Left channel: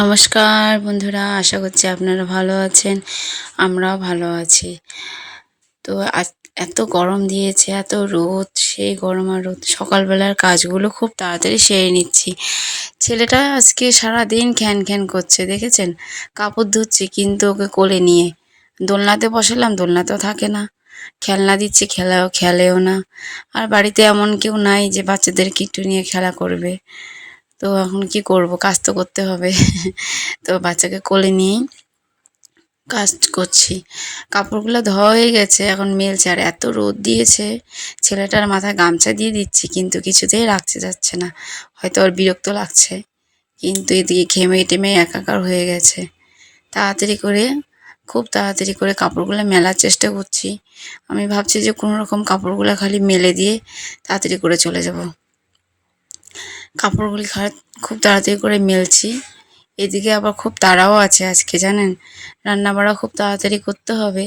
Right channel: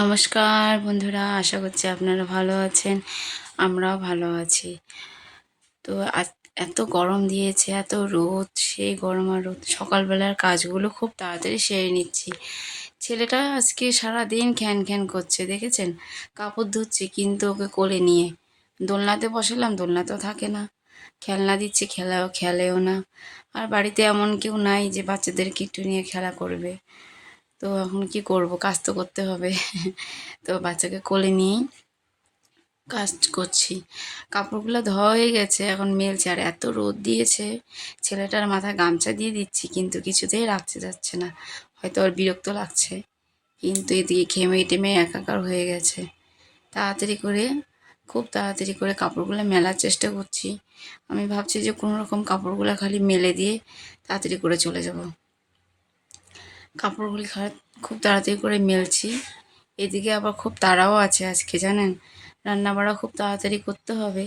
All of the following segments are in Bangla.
নমস্কার বন্ধুরা, আশা করছি আপনারা ভালো আছেন। আমরাও ভালো আছি। তো আজ এত গরম দিয়েছে, এত রোদ, সেই গরম আর রোদ। সকালবেলার কাজগুলো খুব তাড়াতাড়ি সেরে নিচ্ছি। ছেলেটা আজকে সারাদিন খ্যান খ্যান করছে, দেখেছেন? কাপড় ধুচ্ছি কিন্তু ওকে কোলে নিয়ে দোলনাতে বসালাম, দোলনাতেও থাকে না। খেলনা দিচ্ছি, খেলেও না। আর বাড়িতে এমন কেউ নাই যে বাচ্চাদেরকে একটু নিয়ে খেলা করবে। তো এখন কি করব, কাজ তো করতে হবে। তো বাচ্চাকে কোলে নিয়েই কাজ করছি। কাপড়গুলো ধোয়া হয়ে গেছে, এখন মেলছে। আর এত রোদ দিয়েছে, ছেলেটার মাথায় গামছা দিয়ে দিচ্ছি কিন্তু কিছুতেই রাখতে যাচ্ছে না। হয়তো ওর বিরক্ত লাগছে, কিন্তু এদিকে ঘেমে টেমে একাকার হয়ে গেছে। তাড়াতাড়ি করে, খুব তাড়াতাড়ি করে কাপড়গুলো মেলার চেষ্টা করছি। আমি ভাবছি যে কোনো রকম কাপড়গুলো খালি মেলে দিয়ে তাড়াতাড়ি করে চলে যাব। কাপড়গুলি খুব তাড়াতাড়ি করে মেলছি। এদিকে আবার খুব তাড়াও আছে আজকে, জানেন? রান্নাবাড়া খুব তাড়াতাড়ি করতে হবে।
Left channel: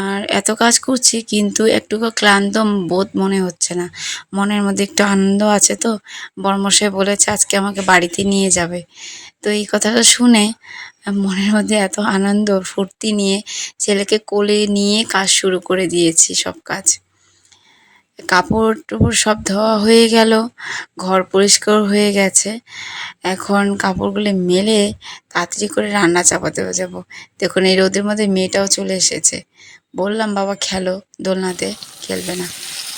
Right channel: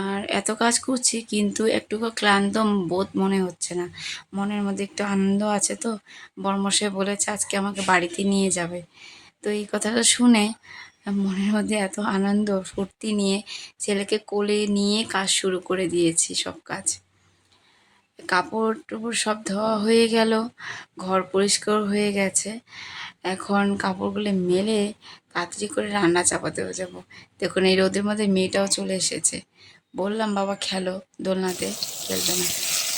আর এত কাজ করছি কিন্তু একটুকু ক্লান্ত বোধ মনে হচ্ছে না। মনের মধ্যে একটু আনন্দ আছে। তো বরমশাই বলেছে আজকে আমাকে বাড়িতে নিয়ে যাবে। তো এই কথাটা শুনে মনের মধ্যে এত আনন্দ ফুর্তি নিয়ে ছেলেকে কোলে নিয়ে কাজ শুরু করে দিয়েছি, সব কাজ। কাপড় টাপড় সব ধোয়া হয়ে গেল, ঘর পরিষ্কার হয়ে গেছে। এখন কাপড়গুলো মেলে তাড়াতাড়ি করে রান্না চাপাতে যাব। দেখুন এই রোদের মধ্যে মেয়েটাও চলে এসেছে। বললাম বাবা খেলো, দোলনাতে খেলবে না।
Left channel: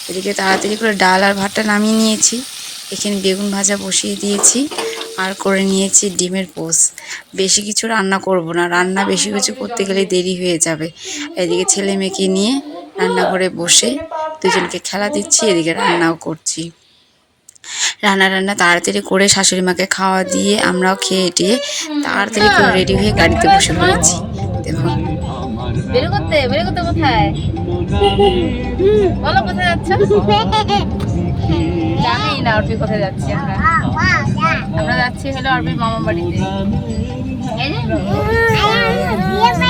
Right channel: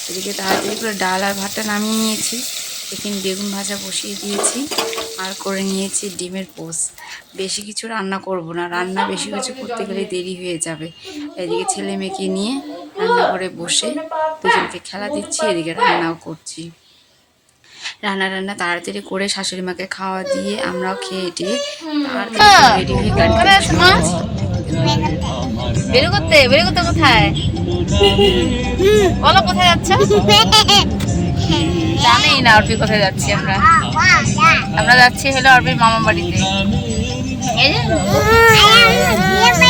এদিকে তাড়াতাড়ি করে ডাল আর ভাতটা নামিয়ে নিয়েছি। এখানে বেগুন ভাজা বসিয়ে দিয়েছি আর করে নিয়েছি ডিমের পোচ। বেশি কিছু রান্না করব না, রান্না বেশি কিছু করতে গেলে দেরি হয়ে যাবে। এদিকে ছেলে মেয়েকে নিয়ে রান্নাঘরে বসে দুজনকে খেলা দিচ্ছি, এদিকে রান্নাও করছি। রান্না তাড়াতাড়ি করে শাশুড়ি মাকে খাওয়া দিয়ে আমরাও খেয়ে টিয়ে তাড়াতাড়ি করে রেডি হয়ে গাড়িতে বসে পড়েছি। দেখুন বেরোতে কোথায় বলো, কোথায় যাচ্ছ? জানেই না অর্পি কোথায় যাচ্ছি। আমরা যাচ্ছি হলো অর্পির মামা বাড়িতে।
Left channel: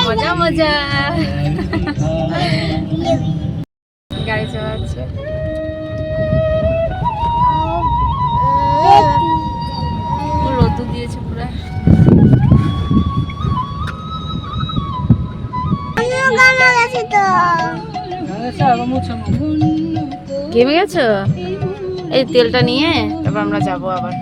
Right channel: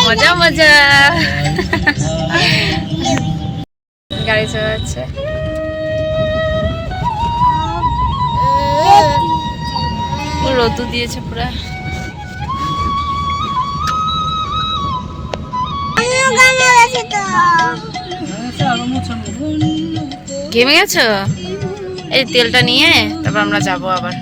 মজা মজা গাড়ি চালাচ্ছে। রোদু দিয়েছে পুরা। ঘেমে গেছো? এই তেলটা নিয়ে তারপর আমরা যাবো আবার।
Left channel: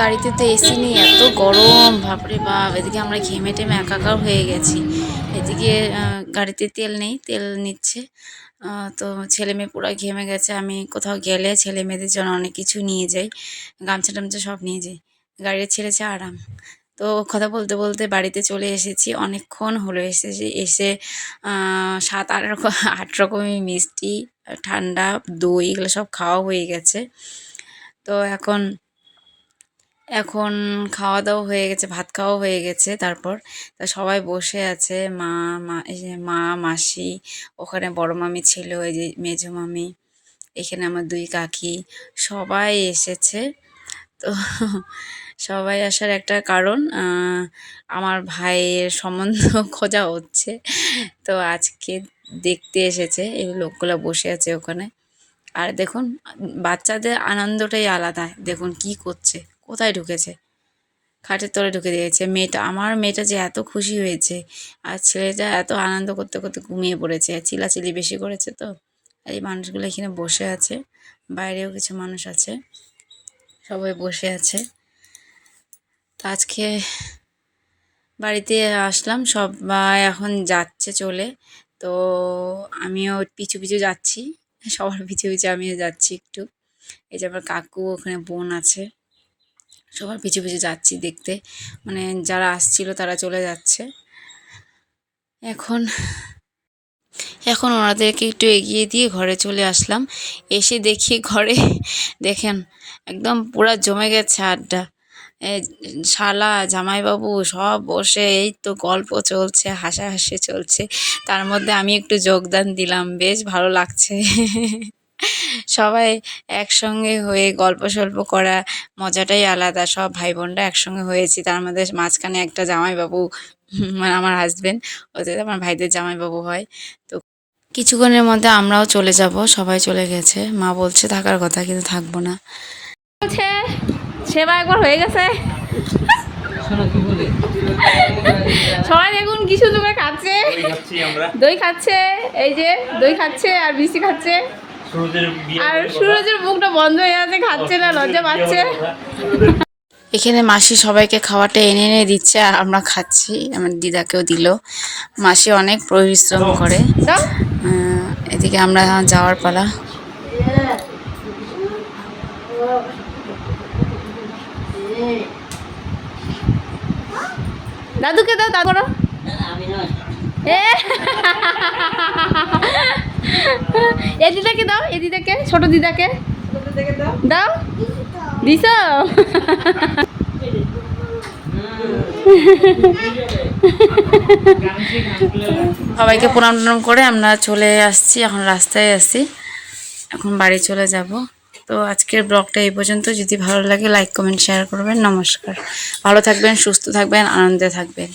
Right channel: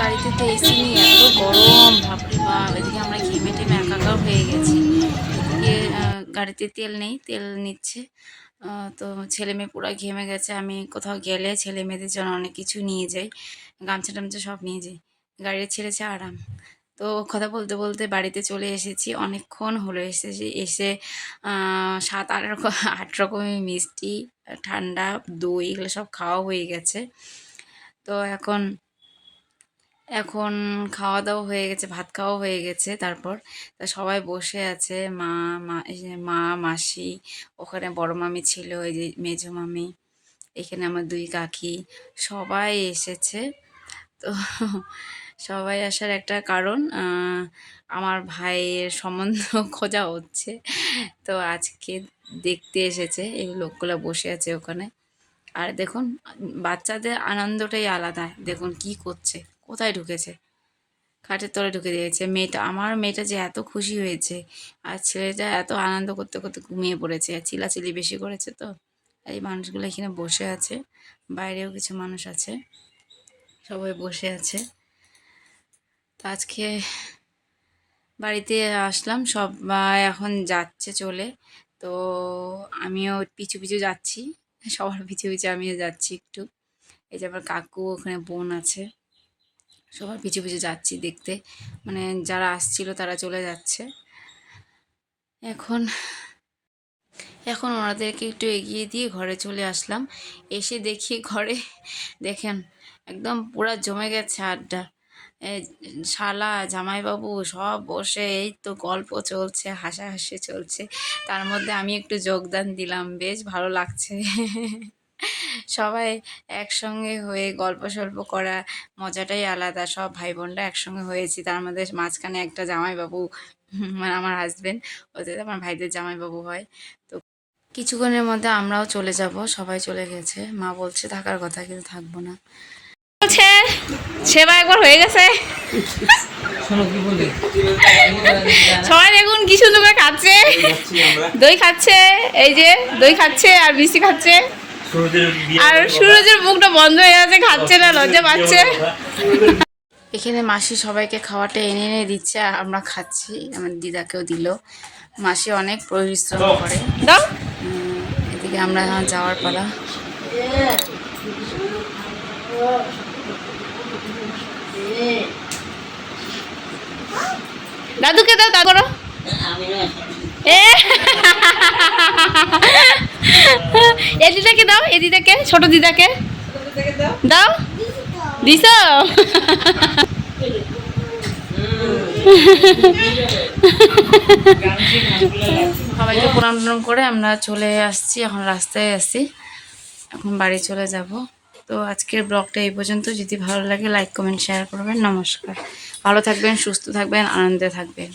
গাড়িতে তো এসি নেই, এত গরম, বাপরে বাপ। এদিকে আমরা ঘেমে টেমে একাকার হয়ে গেছি। এদিকে গাড়িতে তেল নেই, তেল নিচ্ছে। তো ছেলে মেয়ে পুরো ঘেমে গেছে। আমি কোথাও গেলে ছেলে মেয়েদের জন্য অনেক কিছু নিয়ে যাই, গামছা টামছা সব নিয়ে যাই। গাড়ির ছেড়েছে আরাম। তো কথা বলতে বলতে বাড়িতে চলে এসেছি, অনেকক্ষণ হলো এসেছি। এসে 7-8 রকমের মিষ্টি, ঠান্ডা, দই, এগুলো সব খাওয়া হয়ে গেছে। তো এখন এখন খাওয়া দাওয়া হয়ে গেছে, ভাত খাওয়া হয়ে গেছে। তারপর তা সবাই বসে আছে, এই যে মা, মাসি, ওখানে বড় মামি ছিল, এই যে মেজো মামি, এখানে আমার 2 কাকি, সবাই এসেছে। তো সবাই আসার একটা কারণ, আমার ভাইয়ের সম্বন্ধ খোঁজা হচ্ছে। তো আজকে দেখতে এসেছে, এই লোকগুলো বসে আছে ওখানে। আর দেখুন বাচ্চাদের আনন্দটাই আলাদা। দেখুন কি করছে, কোথায় ঢুকেছে, খাটের তলে ঢুকে দিয়েছে। আমার মেয়েটা যে এত খুশি হয়েছে, আর ছেলেটা এত আনন্দ করতে করতে ঘুমিয়ে পড়েছে। চিল্লাচিল্লি বেশি করেছে। তো এই মানুষগুলো এখানে বসে আছে, বাইরেও কিছু মানুষ আছে, সবাই বসে আছে। তো আজকে বাড়িতে আসলাম, সবাই এখন যাচ্ছে চলে। তো আমিও পিছু পিছু যাচ্ছি, সবার পিছু পিছু আমিও যাচ্ছি একটু। এই যে আমার কাকু, ওখানে বোন আছে, সবার পিছু পিছু যাচ্ছি দেখতে। মানে যারা আসছিল তারা চলে যাচ্ছে। এখন এখন ওনাদেরকে একটু এগিয়ে দিয়ে ঘরে চলে আসলাম। এসে দেখি ঘরে, দেখেন একদম পুরা জমে গেছে আড্ডা। শালা জামাইবাবু সব বসে এই তো গল্প চলছে, হাসাহাসি চলছে। তার মধ্যে আমি একটু যোগদান দিলাম, বেশ ভালো লাগছে। সবাই একসঙ্গে হয়ে গল্প সল্প করা মজাটাই আলাদা। সব ভাই বোনরা একসঙ্গে হয়েছি, তার মধ্যে মাঝখানে একটা জামাইবাবু, মানে আমার হাজবেন্ড, ওদের আমার ভাইদের জামাইবাবু হয়। তো কিছুক্ষণের মধ্যে আমরাও চলে যাব, সবাই চলে গেছে। মা বলছে থাকার কথা, কিন্তু থাকবো না। বলছে সেবা একবার হয়ে গেছে। সবাই দেখুন কি সুন্দর করে খাচ্ছে, দই খাচ্ছে, এই যে দই খাচ্ছে আর মিষ্টি খাচ্ছে। আর সুরজের মুখটা বন্ধ হয়ে আছে, খাচ্ছে না, লজ্জা পাচ্ছে। এখানে মাসি সবাইকে খাওয়াটা এনে এনে দিচ্ছে আর আমরা খাচ্ছি, আমার দিদাকেও দিল। মাসি অনেক পরিশ্রম করে। দাও এদিকে আমরা এখন যাওয়ার পালা। দাদুকে দাও, দাদু করো। এ এ দিদাকে দাও, এ দিদাকে, ছোট দিদাকে দাও। দিস সবাইকে প্রণাম টনাম করে আমরা চলে আসছি, এখন রাস্তায় আছি, এখন বাড়ি চলে যাব। তো আজকের ব্লগটা এই পর্যন্ত। যদি ভালো লাগে লাইক কমেন্ট শেয়ার করবেন। নমস্কার, ভালো থাকবেন, সুস্থ থাকবেন, আনন্দে থাকবেন।